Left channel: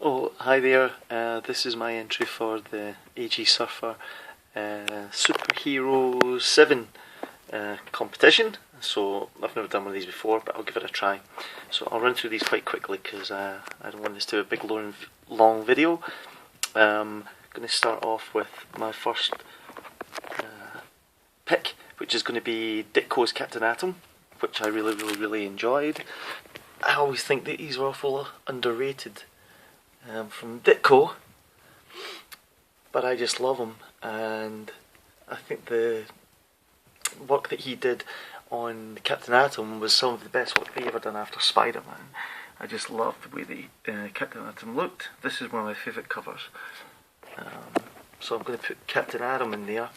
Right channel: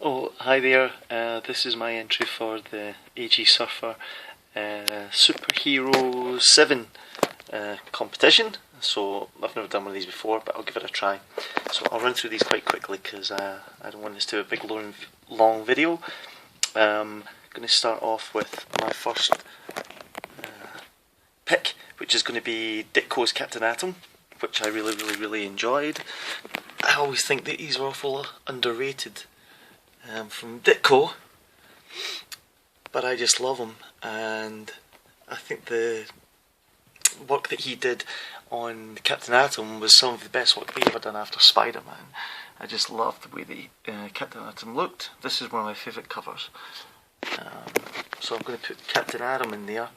Oh, hi there. This is my entry for the AG Surfer Superhero 7 competition. So I've never done one of these before, but I'll give it a try. So I'll run through these quite quickly because I don't want this to be a big long video. I'm going to start off with my first pick, which is going to be Ditko's Captain Atom, which I really enjoyed. I always think that these are awful underrated from Ditko, but I just love him, and I think the work that he did on Captain Atom was some of the best work we ever done after Spider-Man. I just loved the way that Captain Atom looked. This is one of my favourite covers. So I'm going to put Captain Atom in there,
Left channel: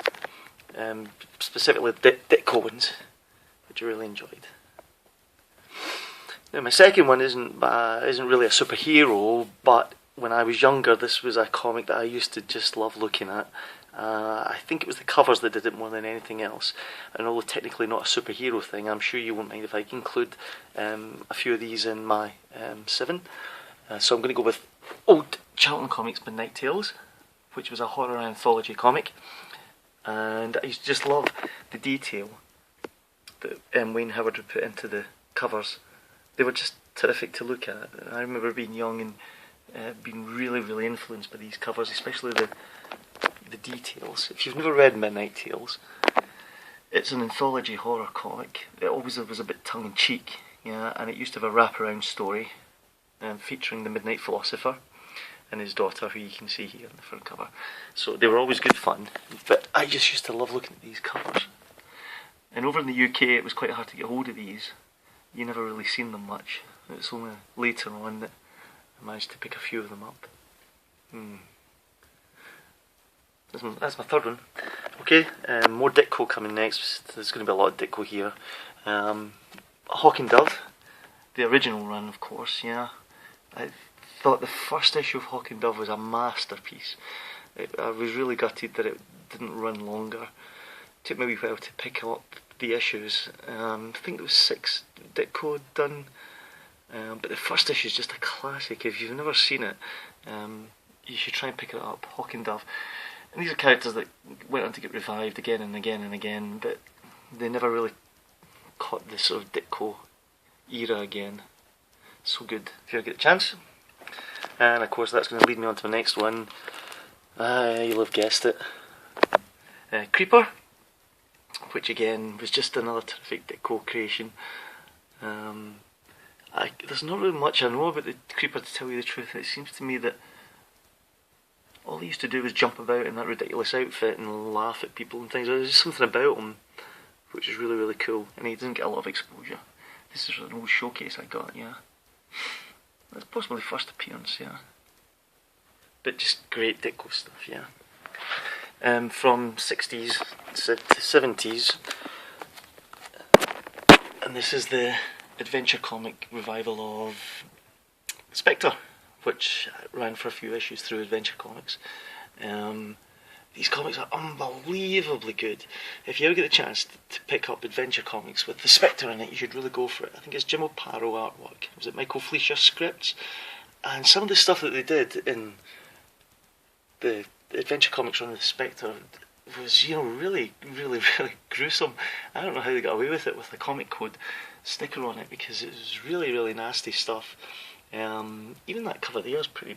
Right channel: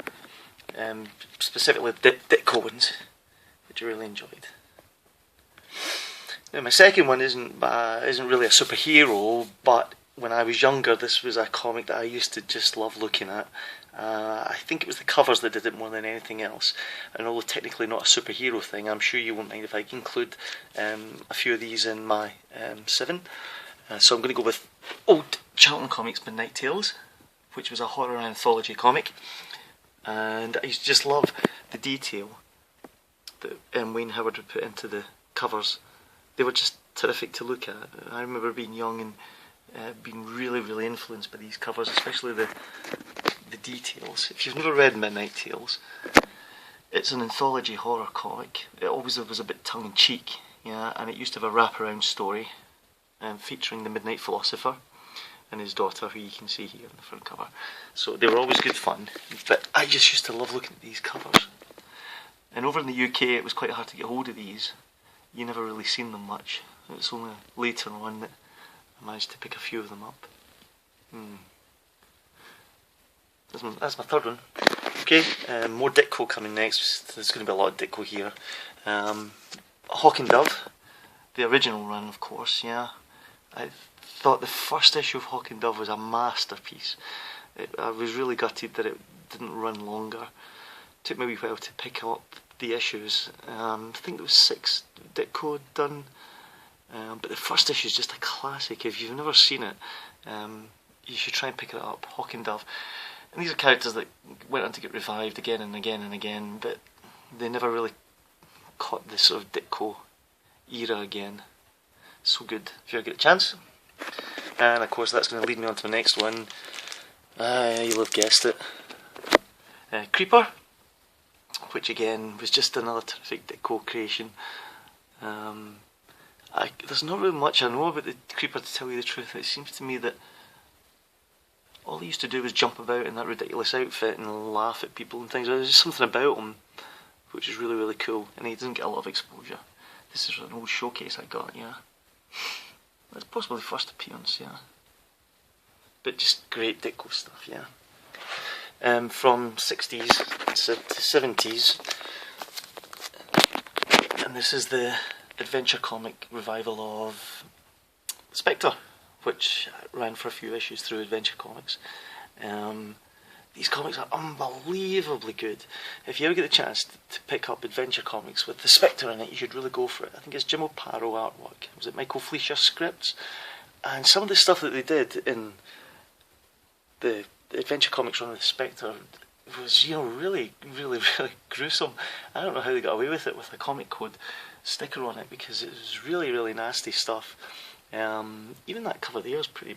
specifically Ditko ones, which I really enjoyed. Now my second one isn't really a superhero, but when I was younger, this was a comic that I used to just love looking at. I think it was the covers that did it more than anything else. And although technically not a superhero thing, I'm sure you won't mind if I include a few of these in my 7. So I'm going to go with old Charlton Comics Midnight Tales, which was a horror anthology comic. And I used to just love the detail that Wayne Howard would put into the covers. They were just terrific to look at. I remember being young and being really influenced by these covers, especially the details. If you've never read Midnight Tales, it's an anthology horror comic. It always was a bit tongue-in-cheek, yeah, and it used to have a wraparound story featuring the Midnight Philosopher and his daughter, who you can see here on the front cover. So they were always good fun, but I just used to love looking at these covers. And over in the UK, it was quite hard to get hold of these. You never really seen them much. It's only later on that I managed to pick a few of them up. That's my third one. Okay, more Ditko coming next. There's going to be a lot of Ditko here. Hawk and Dove, the original run, of course. Yeah, I thought the first issue of Hawk and Dove was a masterpiece. I was really gutted that it didn't run longer. It took me a wee while to pick up the issues. I think there was 6 Ditko done, but the first issue is just a classic. If you've never seen it, you should try and pick it up. Hawk and Dove, and these are characters that went on to get revived again and again, but they never really caught the sort of Ditko era again. So good if you ever get a chance. And of course that's going to lead me on to the next one. You'll have guessed it, Creeper, which again was just another terrific Ditko creation. There's not really much I know about the Creeper, to tell you the truth. It seems to me that all he used to do was jump about in that ridiculous outfit and laugh at people and things. There's just something about him which is really cool, and he doesn't get a lot of exposure. This is an old showcase I got, yeah. That's possibly the first appearance, yeah. But just great Ditko stuff, yeah. From 60s to 70s, and this is the adventure comic revival of Spectre, which ran for a few issues through Adventure Comics. These comics are unbelievably good. If you ever get the chance to pick up Adventure Comics with the Spectre in it, you should really go for it. I think it's Jim O'Paro artwork. Was it Michael Fleischer scripts? And some of the stuff that they did in the Adventure Comics run with the Spectre was, really gruesome. I don't know how they got away with it with a comic code sticker on it, because it was really nasty stuff. Even that cover there is pretty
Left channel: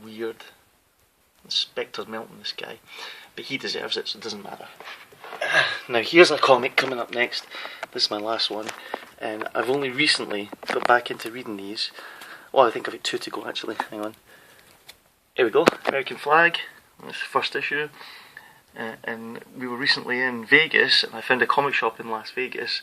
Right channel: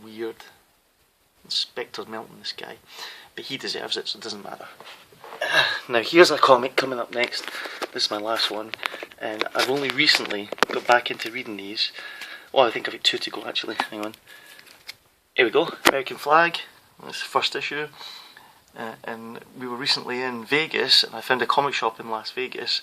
weird. The Spectre's melting this guy, but he deserves it, so it doesn't matter. Now here's a comic coming up next. This is my last one, and I've only recently got back into reading these. Well, I think I've got 2 to go actually. Hang on. Here we go. American Flag. That's the first issue. And we were recently in Vegas, and I found a comic shop in Las Vegas,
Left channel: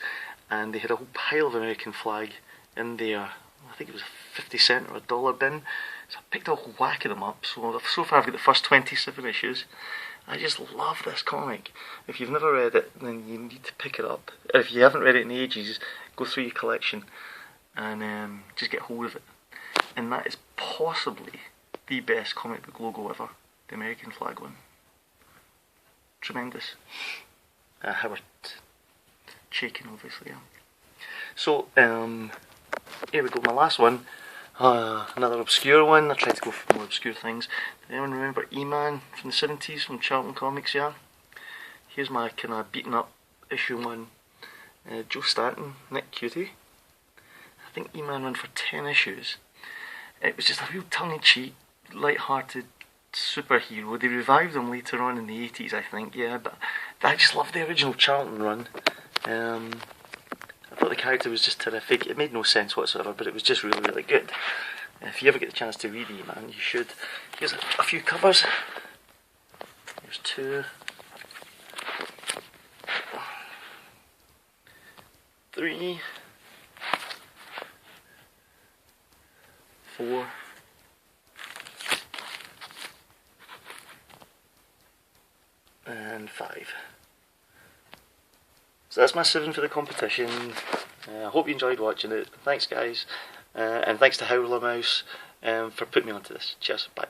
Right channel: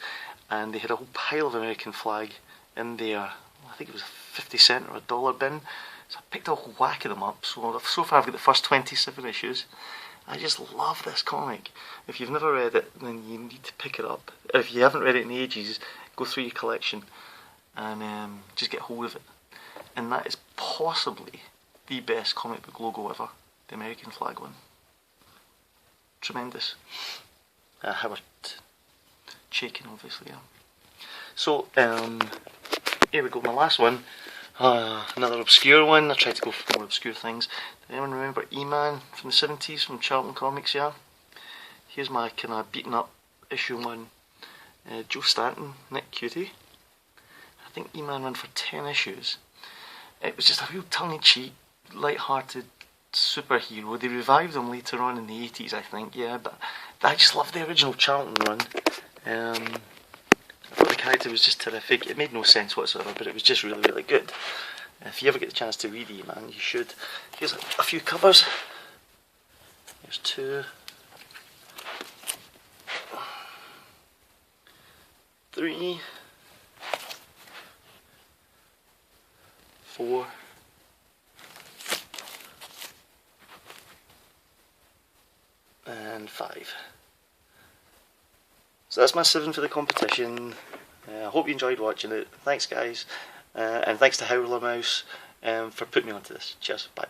and they had a whole pile of American Flag in there. I think it was a 50-cent or a $1 bin. So I picked a whole whack of them up. So far I've got the first 27 issues. I just love this comic. If you've never read it, then you need to pick it up. If you haven't read it in ages, go through your collection and just get hold of it. And that is possibly the best comic book logo ever, the American Flag one. Tremendous. Howard Chaykin, obviously, yeah. So, here we go, my last one. Another obscure one. I tried to go for more obscure things. Does anyone remember E-Man from the 70s from Charlton Comics? Yeah. Here's my kind of beaten up issue one. Joe Stanton, Nick Cutie. I think E-Man ran for 10 issues. It was just a real tongue-in-cheek, light-hearted superhero. They revived him later on in the 80s, I think. Yeah, but I just loved the original Charlton run. I thought the character was just terrific. It made no sense whatsoever, but it was just really, really good. If you ever get the chance to read E-Man, you should. Here's a few covers. There's 2, 3, 4, and 5. So that's my 7 for the competition. I hope you enjoyed watching it. Thanks guys, and thanks to Howler Mouse for putting me onto this. Cheers, bye.